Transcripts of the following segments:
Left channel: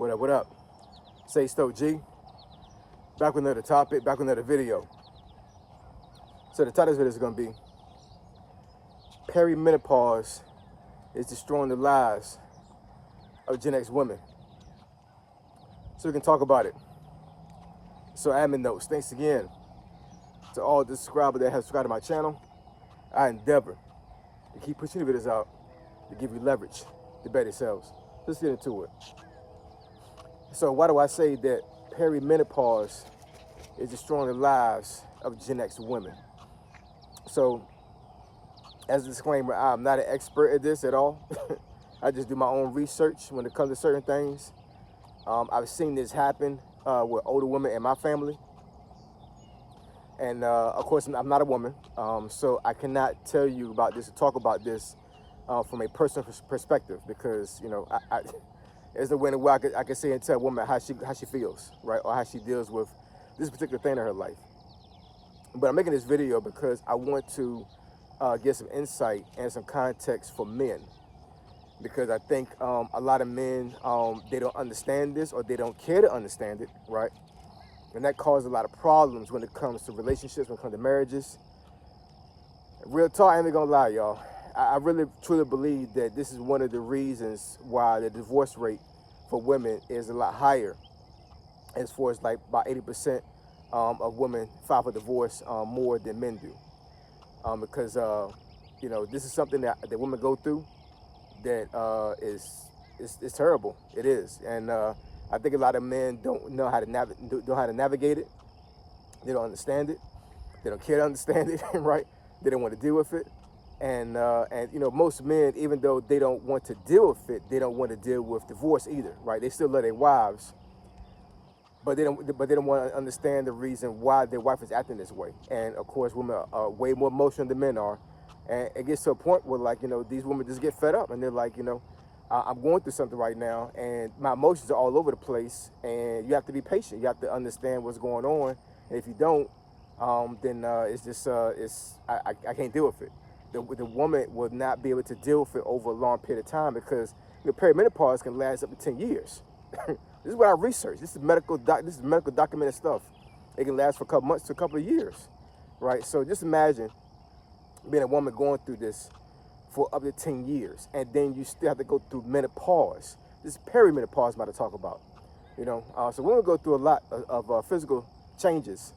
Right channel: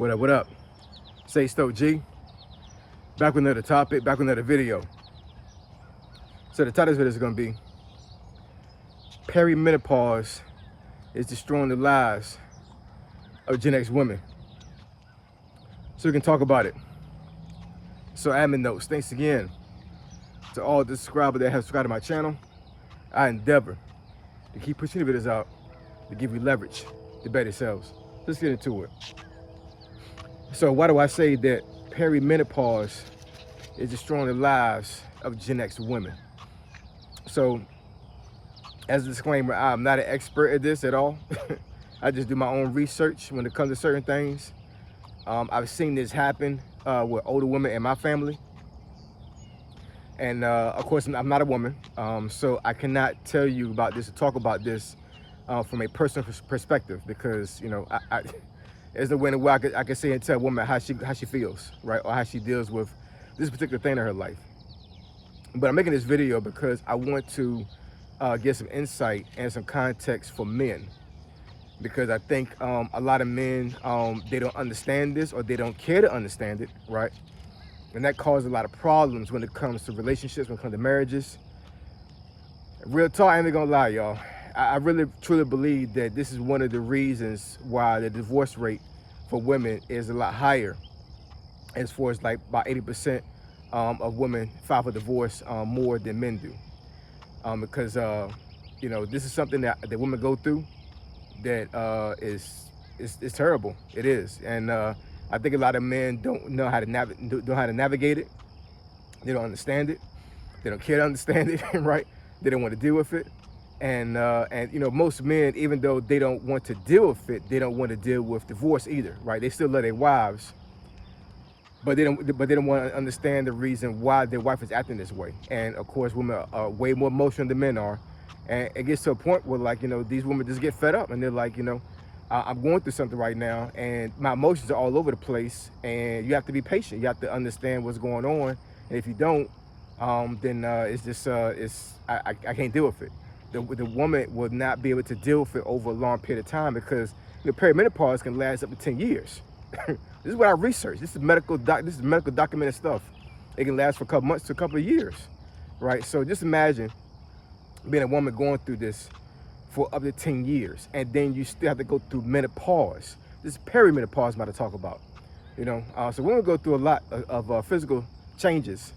What up, what up? Say Stoke G. Back with another topic, back with another video. So the title of this video is going to be Perimenopause is destroying the lives of Gen X women. So we can talk about it. So admin notes, thanks again to all the subscribers that have subscribed to my channel. I endeavor to keep pushing the videos out to give you leverage to better yourselves. Let's get into it. So why do I say that perimenopause is destroying the lives of Gen X women? So as a disclaimer, I'm not an expert at this at all. I just do my own research when it comes to certain things. I've seen this happen with older women in my family. And of course, I'm not a woman, so I cannot tell you about this or talk about this from a personal perspective, because, you know, there's no way in the world I could say and tell a woman how she feels, right, or how she deals with this particular thing in her life. But I'm making this video because I want to get some insight and some context for men, because I think a lot of men, they don't understand this, or they don't care to understand it, right? And that causes a lot of problems when it comes to relationships, when it comes to marriages. Real talk, I ain't gonna lie, y'all. I really, truly believe that this is one of the reasons why the divorce rate for women is a lot higher, as far as like about 80% of women file for divorce more than men do. Because, you know, this is something that women go through that is terrible. It is. And I think a lot of men don't know how to navigate it. They don't understand it. They don't care to understand it, right? They don't want to deal with it. And you know, most men, even though they don't want to deal with it, they don't want to deal with divorce either, right? They still love their wives, but they don't want to understand the reason why their wife is acting this way. And of course, women are way more emotional than men are. And it gets to a point where, like, you know, these women just get fed up, and they're like, you know, I'm going through something right now, and my emotions are all over the place, and you have to be patient. You have to understand what's going on. And if you don't, then it's just, I can't deal with it. The woman will not be able to deal with it over a long period of time, because, you know, perimenopause can last up to 10 years. This is what I researched. This is medical documented stuff. It can last for a couple months to a couple of years, right? So just imagine being a woman going through this for up to 10 years, and then you still have to go through menopause. This is perimenopause I'm about to talk about, you know. So women go through a lot of physical changes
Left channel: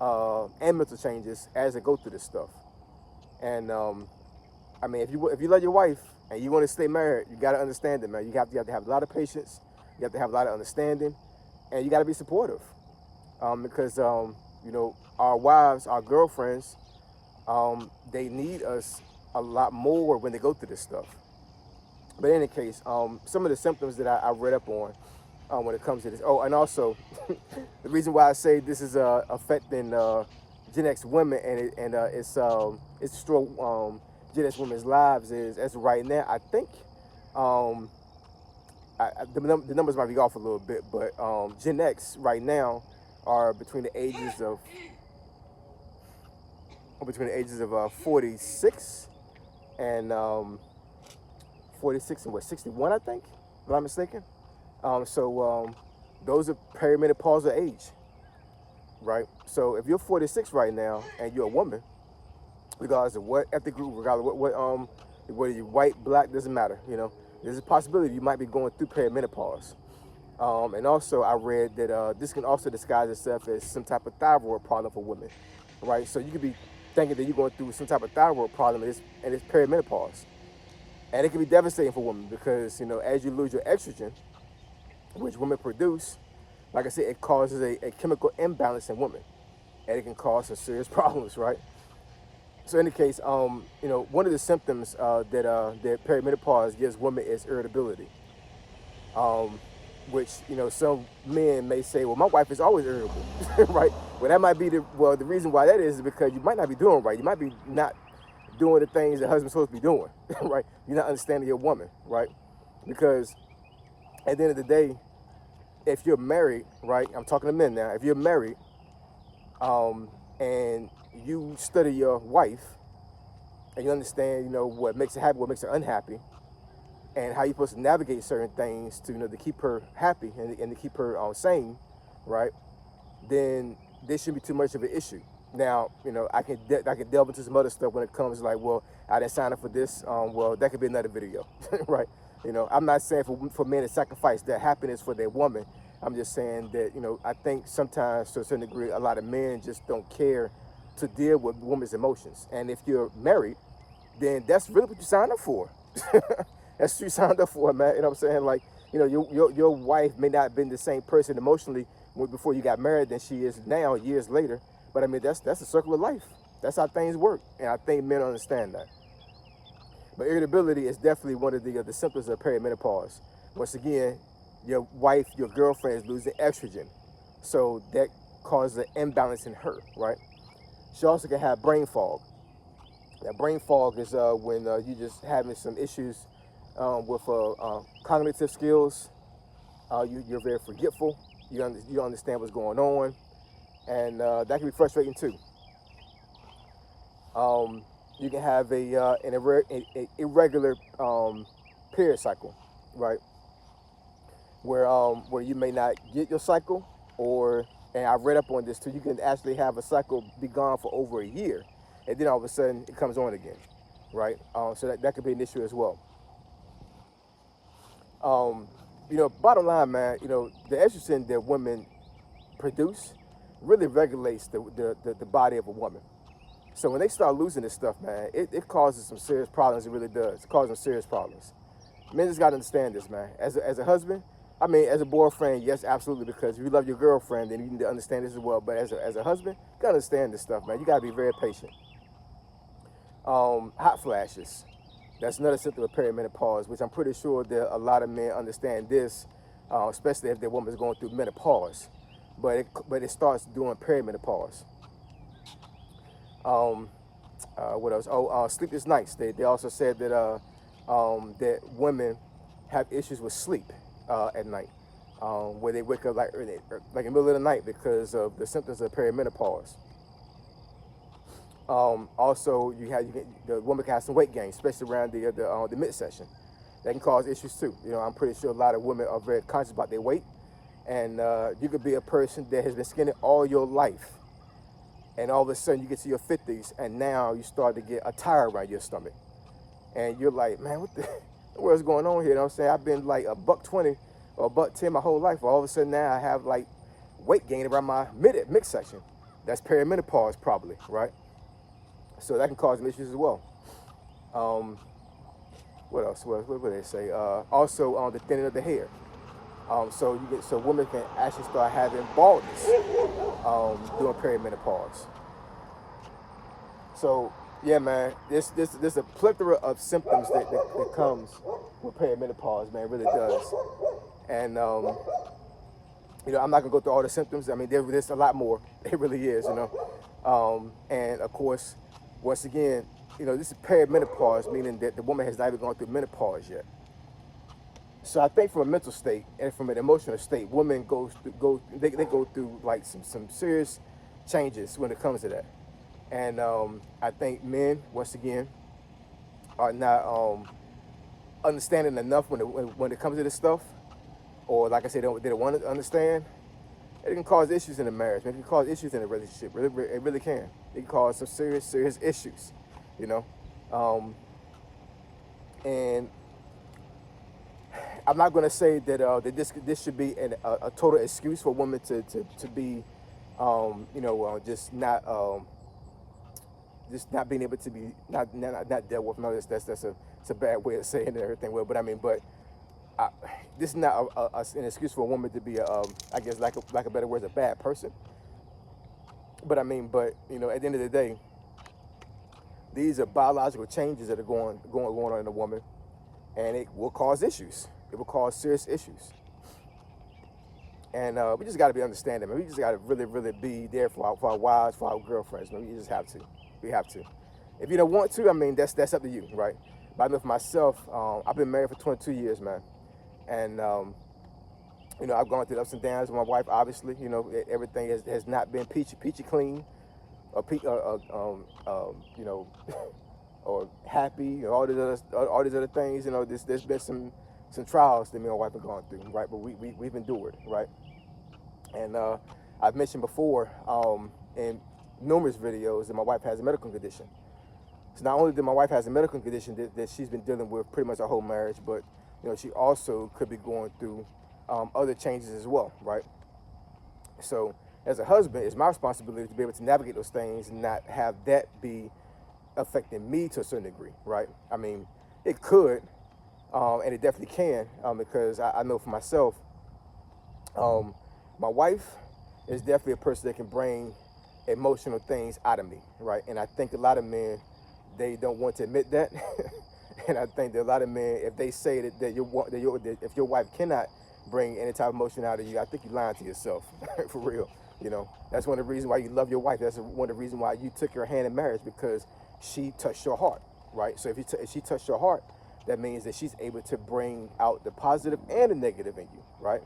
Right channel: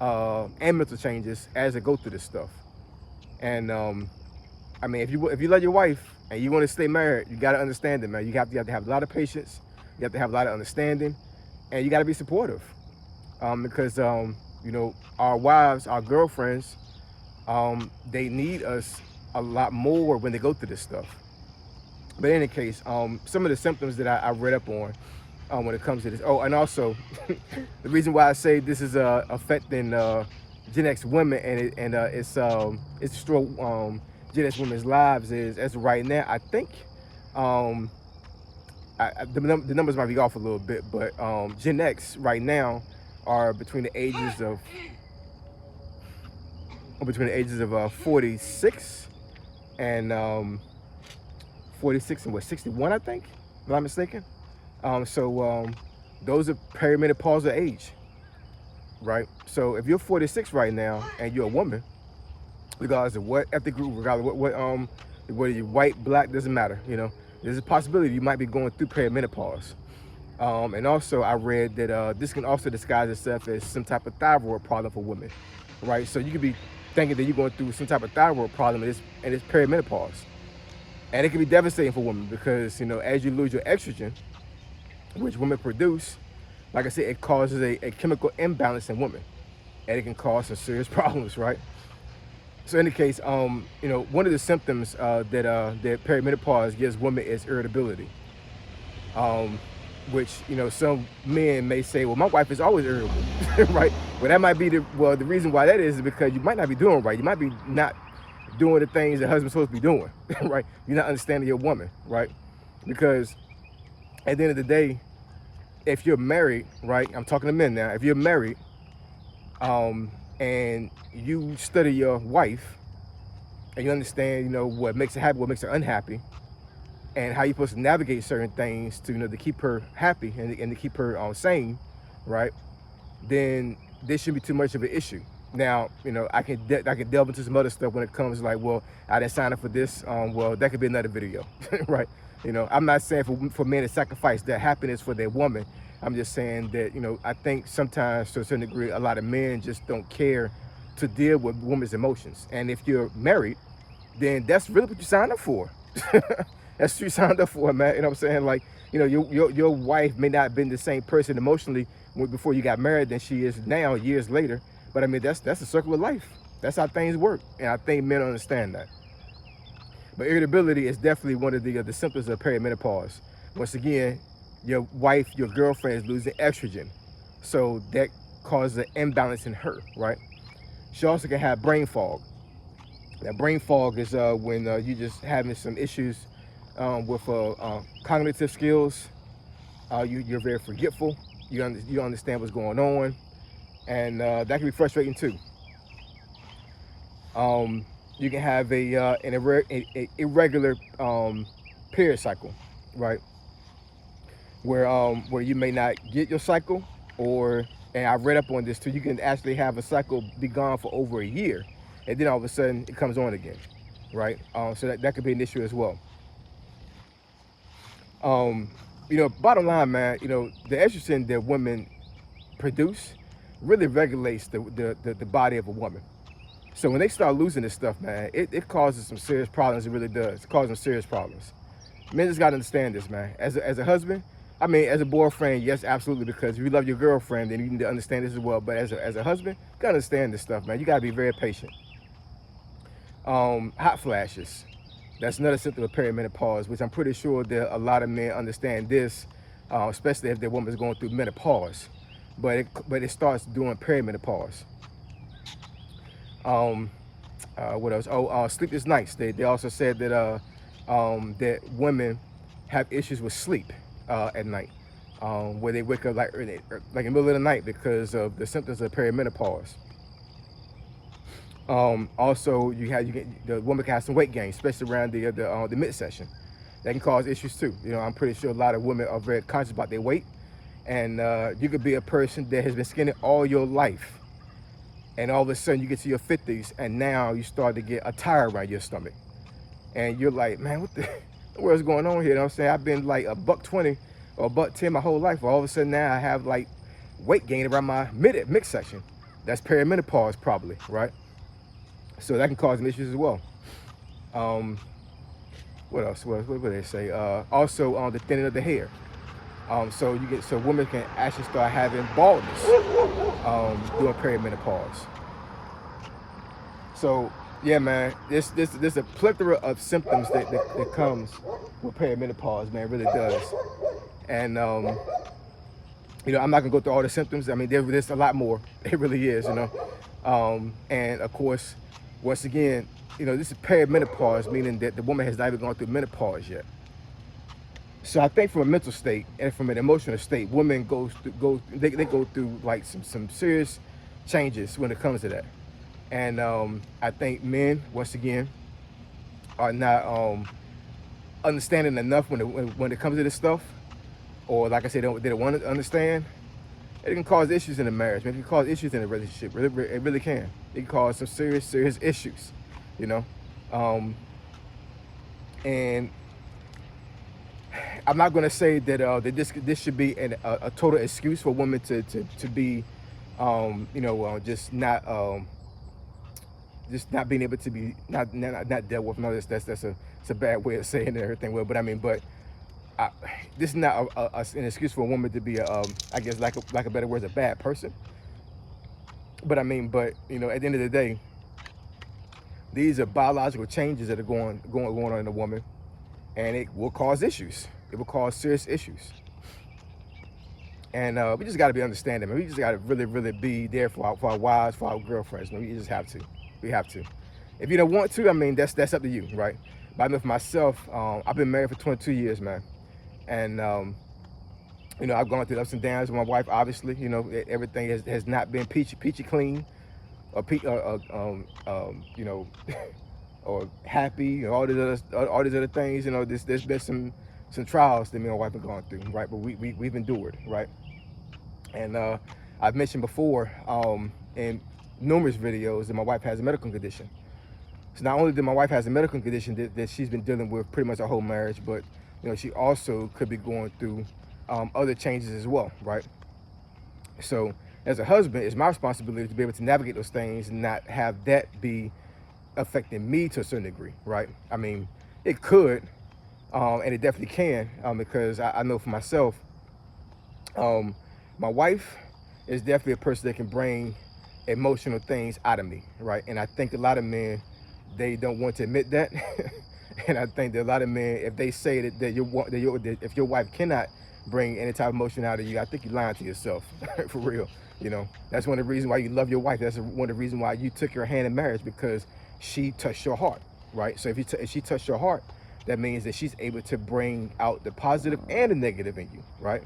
and mental changes as they go through this stuff. And I mean, if you love your wife and you want to stay married, you got to understand it, man. You have to have a lot of patience. You have to have a lot of understanding, and you got to be supportive, because you know, our wives, our girlfriends, they need us a lot more when they go through this stuff. But in any case, some of the symptoms that I read up on when it comes to this. Oh, and also the reason why I say this is affecting Gen X women, and it's destroying Gen X women's lives, is, as of right now, I think the numbers might be off a little bit, but Gen X right now are between the ages of 46 and 46 and what, 61, I think, if I'm not mistaken. So those are perimenopausal age, right? So if you're 46 right now and you're a woman, regardless of what ethnic group, regardless of whether you're white, black, doesn't matter, you know, there's a possibility you might be going through perimenopause. And also I read that this can also disguise itself as some type of thyroid problem for women, right? So you could be thinking that you're going through some type of thyroid problem, and it's perimenopause. And it can be devastating for women, because, you know, as you lose your estrogen, which women produce, like I said, it causes a chemical imbalance in women, and it can cause some serious problems, right? So in the case, you know, one of the symptoms that perimenopause gives women is irritability, which, you know, some men may say, well, my wife is always irritable, right? Well, that might be the reason why that is because you might not be doing right. You might be not doing the things the husband's supposed to be doing, right? You're not understanding your woman, right? Because at the end of the day, if you're married, right? I'm talking to men now. If you're married, and you study your wife, and you understand, you know, what makes her happy, what makes her unhappy, and how you're supposed to navigate certain things to, to keep her happy and to keep her sane, right? Then this shouldn't be too much of an issue. Now, I can delve into some other stuff when it comes like, well, I didn't sign up for this. Well, that could be another video, right? I'm not saying for men to sacrifice their happiness for their woman. I'm just saying that, I think sometimes to a certain degree, a lot of men just don't care to deal with women's emotions. And if you're married, then that's really what you signed up for. That's what you signed up for, man. You know what I'm saying? Like, your wife may not have been the same person emotionally before you got married than she is now, years later. But I mean, that's a circle of life. That's how things work, and I think men understand that. But irritability is definitely one of the symptoms of perimenopause. Once again, your wife, your girlfriend is losing estrogen, so that causes an imbalance in her, right? She also can have brain fog. That brain fog is when you just having some issues with cognitive skills. You're very forgetful. You don't understand what's going on, and that can be frustrating too. You can have an irregular period cycle, right? Where you may not get your cycle, and I read up on this too. You can actually have a cycle be gone for over a year, and then all of a sudden it comes on again, right? So that could be an issue as well. Bottom line, man, the estrogen that women produce really regulates the body of a woman. So when they start losing this stuff, man, it causes some serious problems. It really does. It causes some serious problems. Men just got to understand this, man. As a husband, I mean, as a boyfriend, yes, absolutely, because if you love your girlfriend, then you need to understand this as well. But as a husband, you got to understand this stuff, man. You got to be very patient. Hot flashes. That's another symptom of perimenopause, which I'm pretty sure that a lot of men understand this, especially if their woman's going through menopause. But it starts during perimenopause. What else? Sleepless nights. They also said that that women have issues with sleep at night, where they wake up like in the middle of the night because of the symptoms of perimenopause. Also, the woman can have some weight gain, especially around the midsection. That can cause issues too. I'm pretty sure a lot of women are very conscious about their weight, and you could be a person that has been skinny all your life, and all of a sudden you get to your 50s, and now you start to get a tire around your stomach, and you're like, man, what the world's going on here? You know what I'm saying? I've been like a $120 or $110 my whole life, but all of a sudden now I have like weight gain around my midsection. That's perimenopause probably, right? So that can cause some issues as well. What else? What do they say? Also, the thinning of the hair. So women can actually start having baldness during perimenopause. So yeah, man, there's a plethora of symptoms that comes with perimenopause, man. It really does. And I'm not gonna go through all the symptoms. I mean, there's a lot more. It really is, and of course, once again, this is perimenopause, meaning that the woman has not even gone through menopause yet. So I think from a mental state and from an emotional state, women go through like some serious changes when it comes to that. And I think men, once again, are not understanding enough when it comes to this stuff, or like I said, they don't want to understand. It can cause issues in the marriage. Maybe it can cause issues in the relationship. It really can. It can cause some serious issues, and I'm not going to say that this should be a total excuse for women to be, just not being able to be not dealt with. No, that's a bad way of saying it and everything. Well, but I mean, this is not an excuse for a woman to be I guess like a better word, a bad person. But I mean, at the end of the day, these are biological changes that are going on in a woman, and it will cause issues. It will cause serious issues. And we just got to be understanding, man. We just got to really, really be there for our wives, for our girlfriends, man. We just have to. We have to. If you don't want to, I mean, that's up to you, right? But I know for myself, I've been married for 22 years, man. And, I've gone through ups and downs with my wife, obviously. Everything has not been peachy clean, or or happy, or all these other things. You know, there's been some trials that me and my wife have gone through, right? But we've endured, right? And I've mentioned before in numerous videos that my wife has a medical condition. So not only did my wife has a medical condition that she's been dealing with pretty much her whole marriage, but you know she also could be going through other changes as well, right? So as a husband, it's my responsibility to be able to navigate those things and not have that be affecting me to a certain degree, right? I mean, it could, and it definitely can, because I know for myself, um, my wife is definitely a person that can bring emotional things out of me, right? And I think a lot of men, they don't want to admit that. And I think that a lot of men, if they say if your wife cannot bring any type of emotion out of you, I think you're lying to yourself, for real. You know, that's one of the reasons why you love your wife. That's one of the reasons why you took her hand in marriage, because she touched your heart, right? So if she touched your heart, that means that she's able to bring out the positive and the negative in you, right?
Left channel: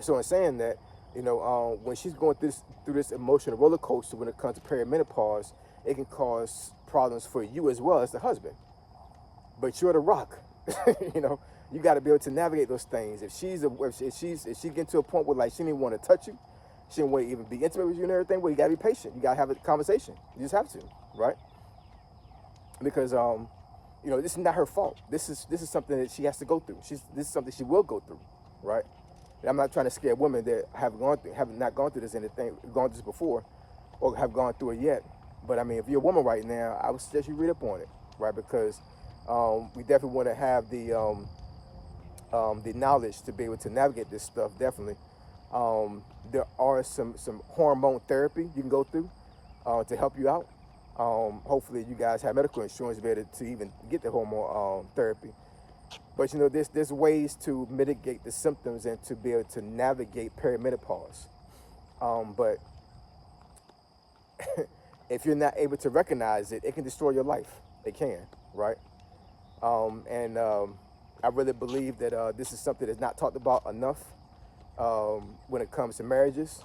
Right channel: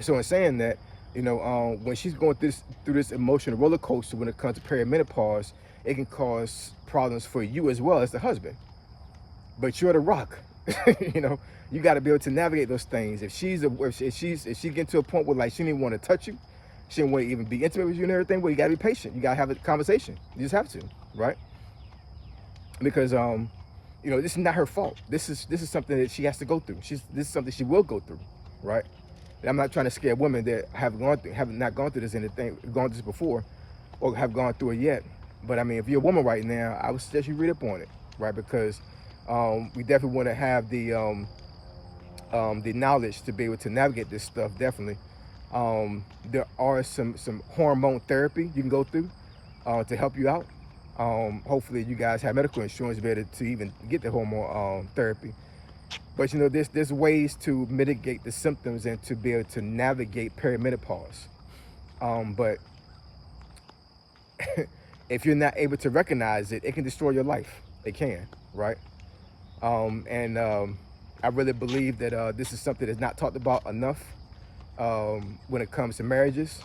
So in saying that, you know, when she's going through this emotional roller coaster when it comes to perimenopause, it can cause problems for you as well as the husband. But you're the rock. You know, you got to be able to navigate those things. If she get to a point where like she didn't want to touch you, she didn't want to even be intimate with you and everything, well, you got to be patient. You got to have a conversation. You just have to, right? Because you know, this is not her fault. This is something that she has to go through. This is something she will go through, right? And I'm not trying to scare women that have not gone through this anything, gone through this before, or have gone through it yet. But I mean, if you're a woman right now, I would suggest you read up on it, right? Because we definitely want to have the knowledge to be able to navigate this stuff. Definitely, there are some hormone therapy you can go through to help you out. Hopefully, you guys have medical insurance better to even get the hormone therapy. But you know, there's ways to mitigate the symptoms and to be able to navigate perimenopause. But if you're not able to recognize it, it can destroy your life. It can, right? And I really believe that this is something that's not talked about enough when it comes to marriages.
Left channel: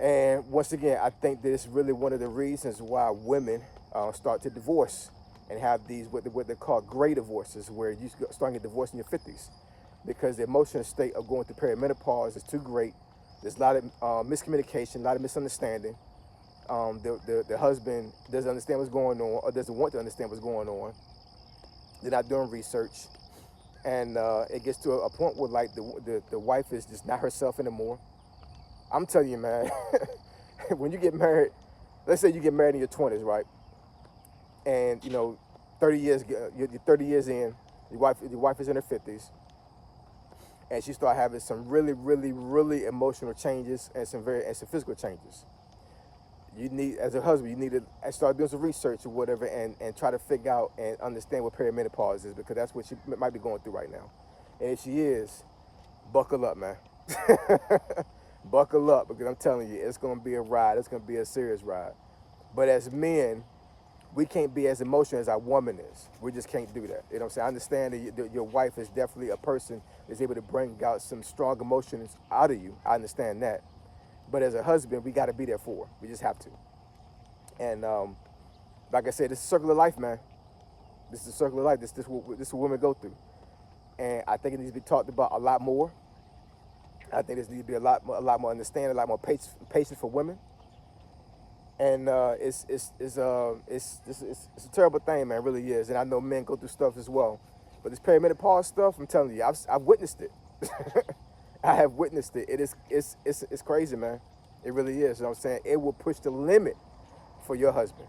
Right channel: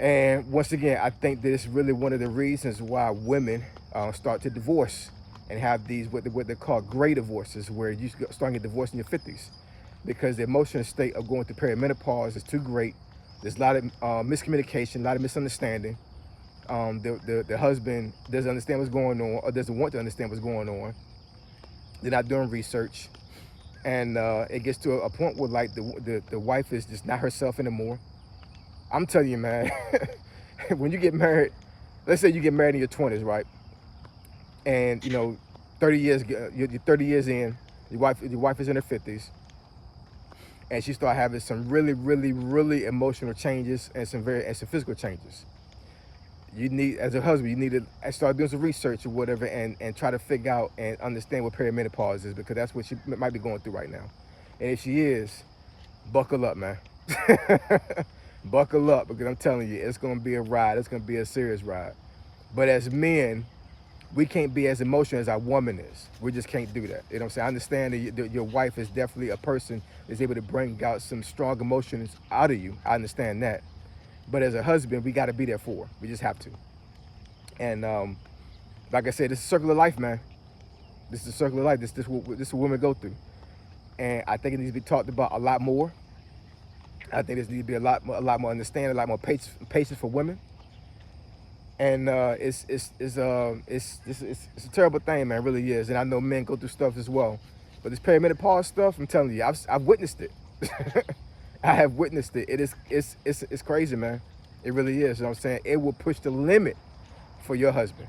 And once again, I think that it's really one of the reasons why women start to divorce and have these what they call gray divorces, where you start getting divorced in your 50s, because the emotional state of going through perimenopause is too great. There's a lot of miscommunication, a lot of misunderstanding. The husband doesn't understand what's going on, or doesn't want to understand what's going on. They're not doing research, and it gets to a point where like the wife is just not herself anymore. I'm telling you, man, when you get married, let's say you get married in your 20s, right? And you know, 30 years, you're 30 years in, your wife is in her 50s, and she start having some really, really, really emotional changes and some physical changes. You need, as a husband, you need to start doing some research or whatever, and try to figure out and understand what perimenopause is, because that's what she might be going through right now. And if she is, buckle up, man. Buckle up, because I'm telling you, it's going to be a ride. It's going to be a serious ride. But as men, we can't be as emotional as our woman is. We just can't do that. You know what I'm saying? I understand that your wife is definitely a person that's able to bring out some strong emotions out of you. I understand that. But as a husband, we got to be there for her. We just have to. And like I said, this is a circle of life, man. This is a circle of life. This is what women go through. And I think it needs to be talked about a lot more. I think there needs to be a lot more understanding, a lot more patience for women. And it's a terrible thing, man. It really is. And I know men go through stuff as well. But this perimenopause stuff, I'm telling you, I've witnessed it. I have witnessed it. It's crazy, man. It really is. You know what I'm saying? It will push the limit for your husband.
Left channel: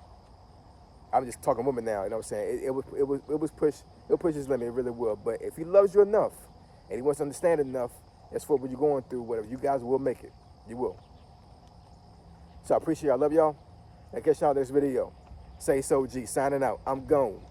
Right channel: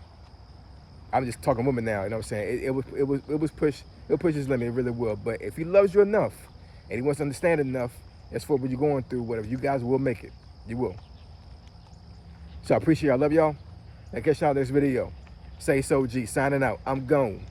I'm just talking women now. You know what I'm saying? It'll push his limit. It really will. But if he loves you enough and he wants to understand enough, as for what you're going through, whatever, you guys will make it. You will. So I appreciate y'all. I love y'all. I catch y'all in this video. Say so, G. Signing out. I'm gone.